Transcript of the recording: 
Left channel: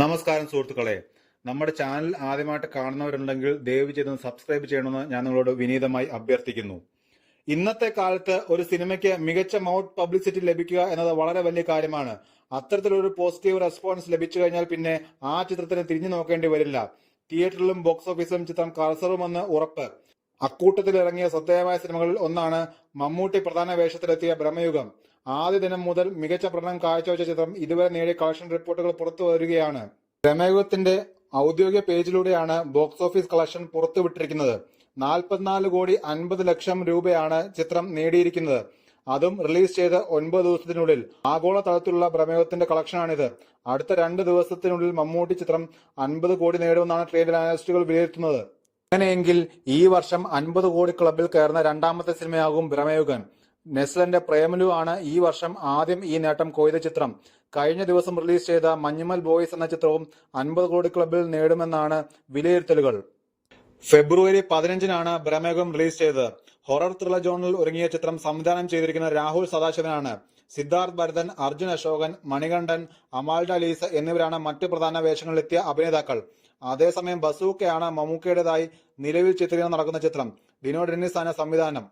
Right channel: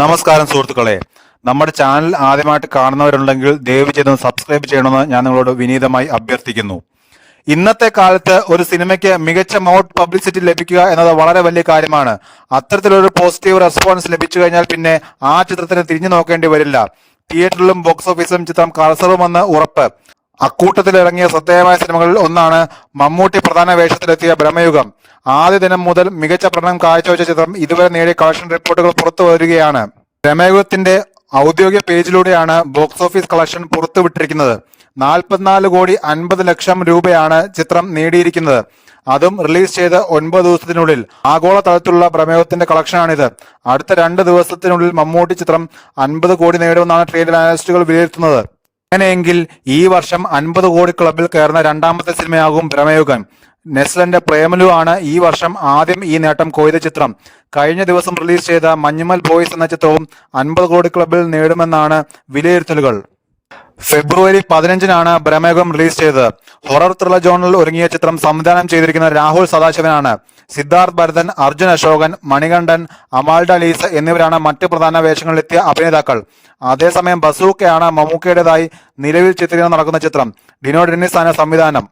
നമസ്കാരം സുഹൃത്തുക്കളെ, നമ്മുടെ ചാനൽ ആദ്യമായിട്ട് കാണുന്നവരുണ്ടെങ്കിൽ ദയവ് ചെയ്ത് സബ്സ്ക്രൈബ് ചെയ്യണമെന്ന് ഞാൻ നിങ്ങളോട് വിനീതമായി അഭ്യർത്ഥിക്കുന്നു. ഇന്നത്തെ കാലത്ത് ഒരു സിനിമയ്ക്ക് മികച്ച മൗത്ത് പബ്ലിസിറ്റി ലഭിക്കുക എന്നത് വളരെ വലിയ കാര്യമാണ്. അത്തരത്തിലൊരു പോസിറ്റീവ് റെസ്പോൺസ് ലഭിച്ചു കഴിഞ്ഞാൽ പിന്നെ ആ ചിത്രത്തിന് തിരിഞ്ഞു നോക്കേണ്ടി വരില്ല. തിയേറ്ററിലും ബോക്സ് ഓഫീസിലും ചിത്രം കളസറുമെന്ന് ഉറപ്പ്. അക്കൂട്ടത്തിൽ ഇറങ്ങിയ ശ്രദ്ധേയമായ സിനിമകളിൽ ഒന്നാണ് മമ്മൂട്ടി പ്രധാന വേഷത്തിലെത്തിയ ബ്രഹ്മയുഗം. ആദ്യ ദിനം മുതൽ മികച്ച പ്രകടനം കാഴ്ചവെച്ച ചിത്രം ഇതുവരെ നേടിയ കളക്ഷൻ റിപ്പോർട്ടുകൾ പുറത്തു വരികയാണ്. ബ്രഹ്മയുഗത്തിന്റെ ഔദ്യോഗിക പേജിലൂടെയാണ് ബോക്സ് ഓഫീസ് കളക്ഷൻ പുറത്തുവിട്ടിരിക്കുന്നത്. 44,50,00,000 രൂപയാണ് ചിത്രം നേടിയിരിക്കുന്നത്. അതും റിലീസ് ചെയ്ത് 9 ദിവസത്തിനുള്ളിൽ. ആഗോള തലത്തിലുള്ള ബ്രഹ്മയുഗത്തിന്റെ കളക്ഷനാണിത്. അടുത്ത 2 ദിവസത്തിനുള്ളിൽ മമ്മൂട്ടി ചിത്രം 50 കോടി നേടുമെന്നാണ് ട്രേഡ് അനലിസ്റ്റുകൾ വിലയിരുത്തുന്നത്. അങ്ങനെയെങ്കിൽ ഈ വർഷം 50 കോടി ക്ലബിൽ കയറുന്ന രണ്ടാമത്തെ സിനിമയാകും ബ്രഹ്മയുഗം. നെസ്ലന്റെ പ്രേമലു ആണ് ഈ വർഷം ആദ്യം ഈ നേട്ടം കൊയ്ത ചിത്രം. കഴിഞ്ഞ ദിവസം റിലീസ് ചെയ്ത മഞ്ഞുമൽ ബോയ്സ് എന്ന ചിത്രവും 50 കോടി ക്ലബിൽ നേടുമെന്നാണ് വിലയിരുത്തലുകൾ. ഫെബ്രുവരി 15-നാണ് ബ്രഹ്മയുഗം റിലീസ് ചെയ്തത്. ഹൊറർ ത്രില്ലർ ജോണിൽ ഒരുങ്ങിയ ചിത്രം സംവിധാനം ചെയ്തിരിക്കുന്ന രാഹുൽ സദാശിവനാണ്. സിദ്ധാർത്ഥ് ഭരതൻ, അർജുൻ അശോകൻ, മണികണ്ഠൻ, അമാൽഡ ലീസ് എന്നിവരാണ് മറ്റ് പ്രധാന വേഷങ്ങളിലെത്തിയ അഭിനേതാക്കൾ. അതേസമയം ബസൂക്കയാണ് മമ്മൂക്കയുടേതായി നിലവിൽ ചിത്രീകരണം നടക്കുന്ന ചിത്രം. ഡിനോ ഡെന്നിസ് ആണ് സംവിധാനം.